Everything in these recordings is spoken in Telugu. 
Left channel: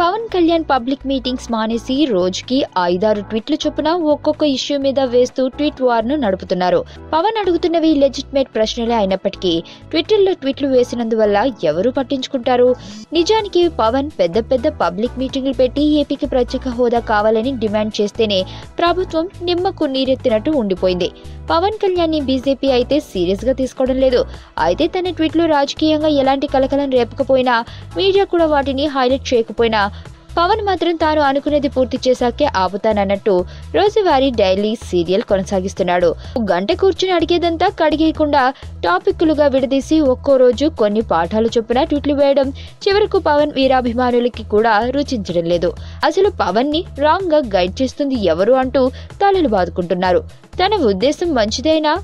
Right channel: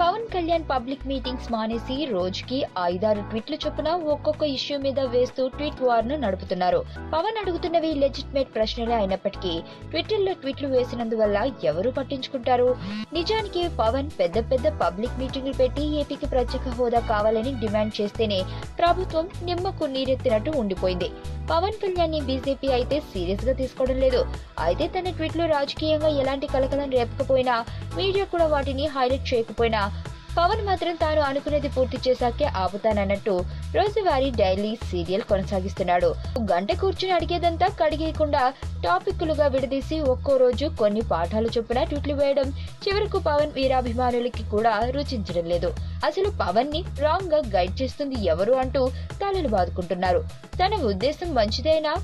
పవన్ కళ్యాణ్ పబ్లిక్ మీటింగ్స్ మానేసి రోజుకి 5-6 ట్వీట్లు చొప్పున ఒక్కొక్క ఇష్యూ మీద వేస్తూ ట్వీట్ వార్ ను నడుపుతున్నారు. పవన్ అడుగుతున్నవి లెజిటిమేట్ ప్రశ్నలే అయినప్పటికీ ట్విట్టర్లో ట్వీట్లు వేసినందువల్ల ఎవరు పట్టించుకుంటారు? నిజానికి పవన్ పెద్ద పబ్లిక్ మీటింగులు పెట్టి ఏపీకి ప్రత్యేక హోదా కావాలని డిమాండ్ చేస్తేనే ప్రభుత్వం నిమ్మకు నీరెత్తినట్టు ఉండిపోయింది. పవన్ కళ్యాణ్ ని బీజేపీ అయితే సీరియస్ గా తీసుకోవడం లేదు. అయితే తన ట్వీట్లు రాజకీయంగా ఎలాంటి కలకలం రేపకపోయినా, మీడియా కూడా వాటిని హైలైట్ చేయకపోయినా, పవన్ మాత్రం తాను అనుకునేది పూర్తి చేశాకే ఆపుతానన్నట్టు రోజువారీ డైలీ సీరియల్ కొనసాగిస్తున్నాడు. గంట కూర్చుని అడిగేదంతా కడిగేయకుండా టాపిక్లుగా విడదీసి ఒక్కో రోజు కొన్ని పాఠాలు చొప్పున ట్వీట్లు వేయడం చివరకు పవన్ వీరాభిమానులకి కూడా రుచించడం లేదు. అసలు పవన్ ని రాంగ్ గా గైడ్ చేస్తుంది ఎవరు అంటూ తలలు బాదుకుంటున్నారు. తన ఉద్దేశం మంచిదైనా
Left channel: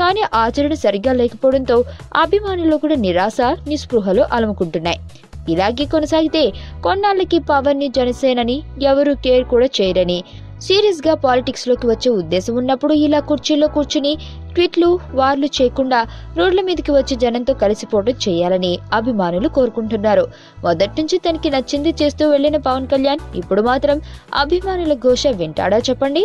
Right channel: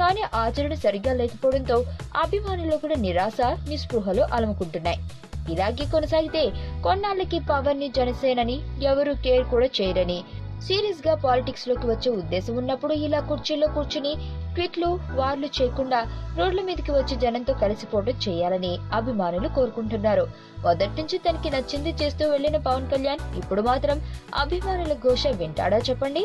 కానీ ఆచరణ సరిగ్గా లేకపోవడంతో అభిమానులు కూడా నిరాశ నిస్పృహలు అలముకుంటున్నాయి. ఇలాగే కొనసాగితే కొన్నాళ్ళకి పవన్ ని జనసేనని ఎవరు కేర్ కూడా చేయరని, సీరియస్ గా పాలిటిక్స్ లోకి వచ్చే ఉద్దేశం ఉన్నప్పుడు ఇలా కుర్చీల్లో కూర్చుని ట్వీట్లు వార్లు చేయకుండా రోడ్ల మీదకి వచ్చి జనంతో కలిసిపోవడం చేయాలని అభిమానులు కోరుకుంటున్నారు. మొదటి నుంచి తనకి నచ్చింది చేస్తూ వెళ్లిన పవన్ కళ్యాణ్ ఇప్పుడు మాత్రం అభిమానుల ఘోష వింటాడా చెప్పండి?